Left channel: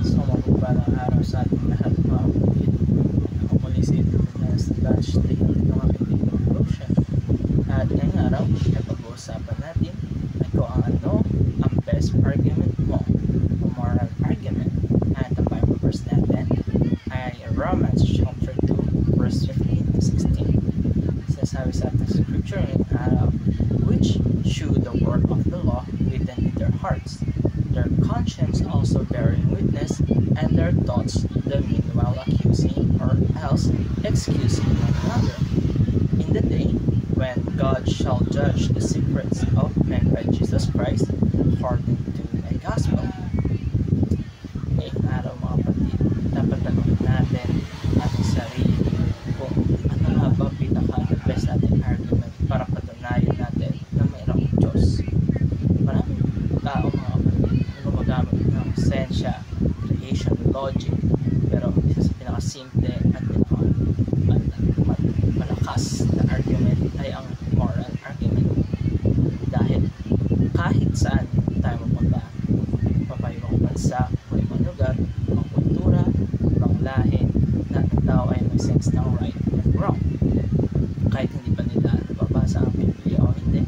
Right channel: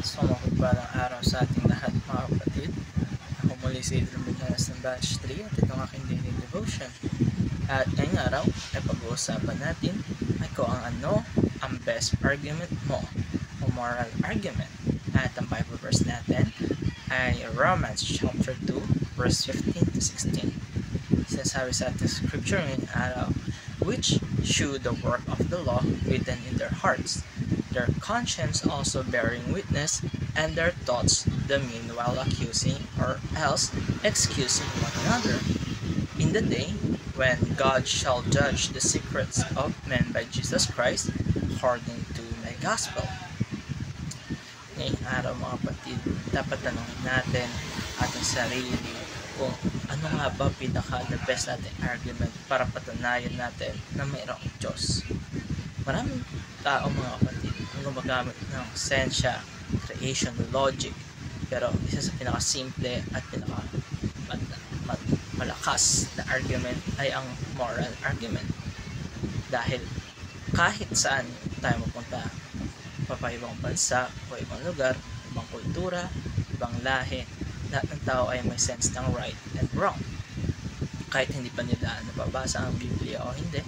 So mapagpalang araw sa ating lahat mga kapatid. Ako muli si Adrian Badalas ng Batch 3 at ito ang aking daily devotion. At ngayong araw ay pag-uusapan natin ay kung ano ang best argument mo o moral argument. At ang Bible verse natin ay Romans chapter 2 verse 15 to 16. Sinasabi sa ating scripture ngayong araw, which shew the work of the law written in their hearts, their conscience also bearing witness, and their thoughts the meanwhile accusing or else excusing one another. In the day when God shall judge the secrets of men by Jesus Christ, according to my gospel. Ngayong araw mga kapatid, dapat tanongin natin ating sarili kung ano nga ba the best ating argument para patunayan natin na mayroong Diyos. Maraming tao mga kapatid ang gumagamit ng sensya, creation, logic, pero isa sa pinakasimple at malakas na argument ay ang moral argument. Dahil kahit saan tayo mapunta, papayibang bansa o ibang lugar, ibang kultura, ibang lahi, lahat ng tao ay may sense ng right and wrong. Kahit hindi pa nila nababasa ang Biblia o hindi,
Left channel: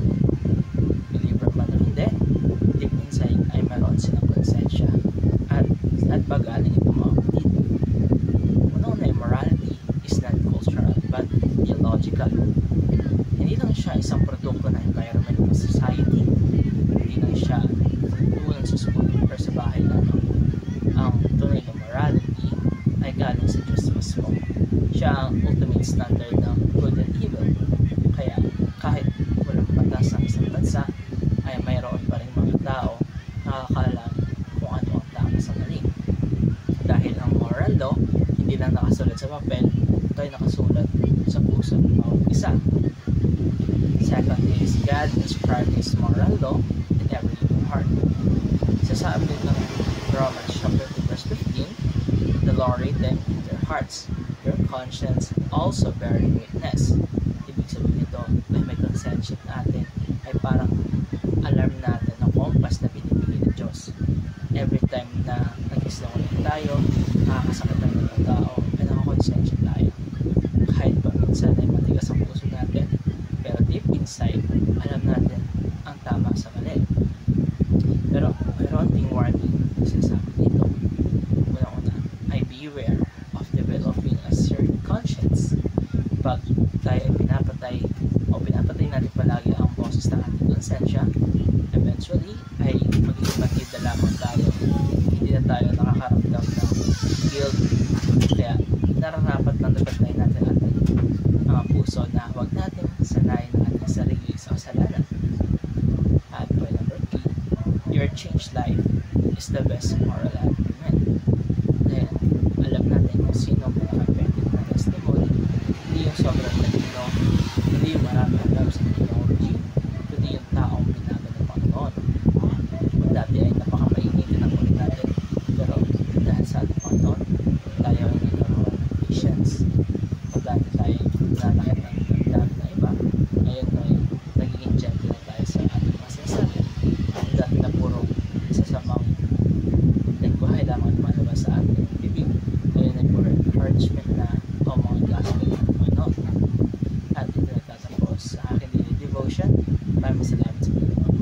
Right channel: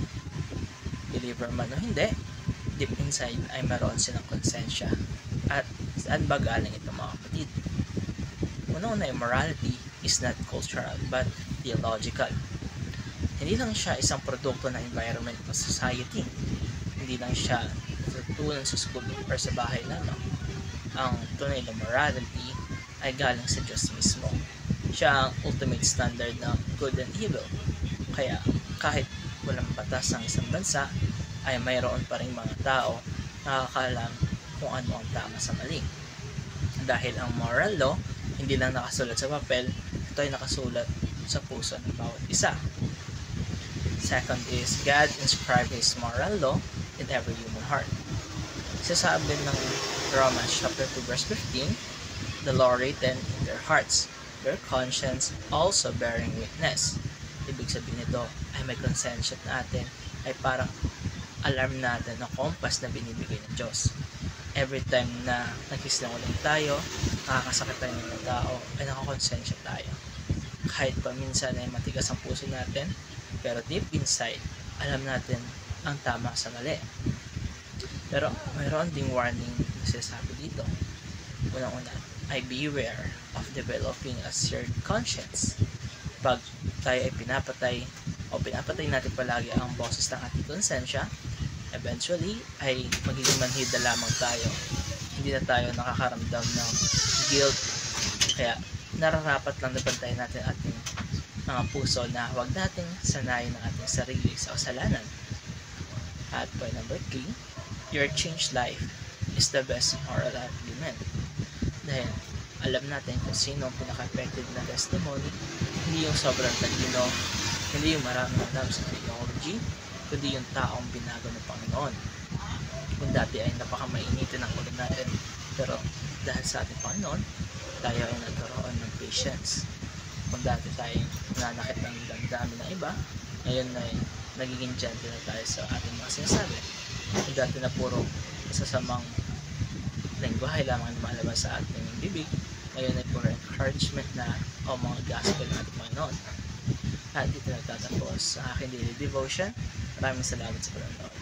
believer man o hindi, deep inside ay meron silang konsensya. At saan ba galing ito mga kapatid? Una-una yung morality is not cultural but theological. Hindi lang siya isang produkto ng environment o society. Hindi lang siya natutunan sa school or sa bahay lamang. Ang tunay na morality ay galing sa Diyos mismo. Siya ang ultimate standard ng good and evil. Kaya kahit walang batas ang isang bansa, ay mayroon pa rin mga tao nakakalam kung ano ang tama sa mali. Dahil ang moral law, hindi lang nakasulat sa papel, ito ay nakasulat sa puso ng bawat isa. Second is, God inscribed His moral law in every human heart. Sasabi din ng Romans chapter 2 verse 15, the law written in their hearts, their conscience also bearing witness. Ibig sabihin nito ay may konsensya natin ay parang alarm natin ng compass na binibigay ng Diyos. Every time na nagkisinungaling tayo, nakakasakit tayo ng mga tao, ay nakakonsensya tayo. Kahit pa minsan ay matigas ang puso natin, pero deep inside, alam natin ang tama sa mali. Pero mayroon ding warning na sinasabi dito. Unang-una, ay beware of developing a seared conscience. Pag tayo ay pinapatay natin palagi ang boses ng ating konsensya, eventually ay magiging manhid na lamang tayo. Hindi na tayo nakakaramdam ng guilt. Kaya nararapat lang nabantayan natin ating mga puso na huwag natin sanayin ang ating sarili sa kasalanan. At point number 3, your changed life is the best moral argument. Dahil alam natin kung sino ang pinaka-effective na testimony. Hindi yung sobrang latino, hindi yung maraming alam sa theology, kundi yung taong binago ng Panginoon. Kung dati ay napakamainitin ang ulit natin, pero dahil sa ating Panginoon, tayo ay nagkaroon ng patience. Kung dati tayo nanakit ng damdamin ng iba, ngayon ay nagiging gentle na tayo sa ating mga sinasabi. Kung dati na puro sasamang lengguwahe lamang lumalabas sa ating bibig, ngayon ay puro encouragement na o mga gospel ng ating Panginoon. At ito nagtatapos ang aking daily devotion. Maraming salamat sa panonood.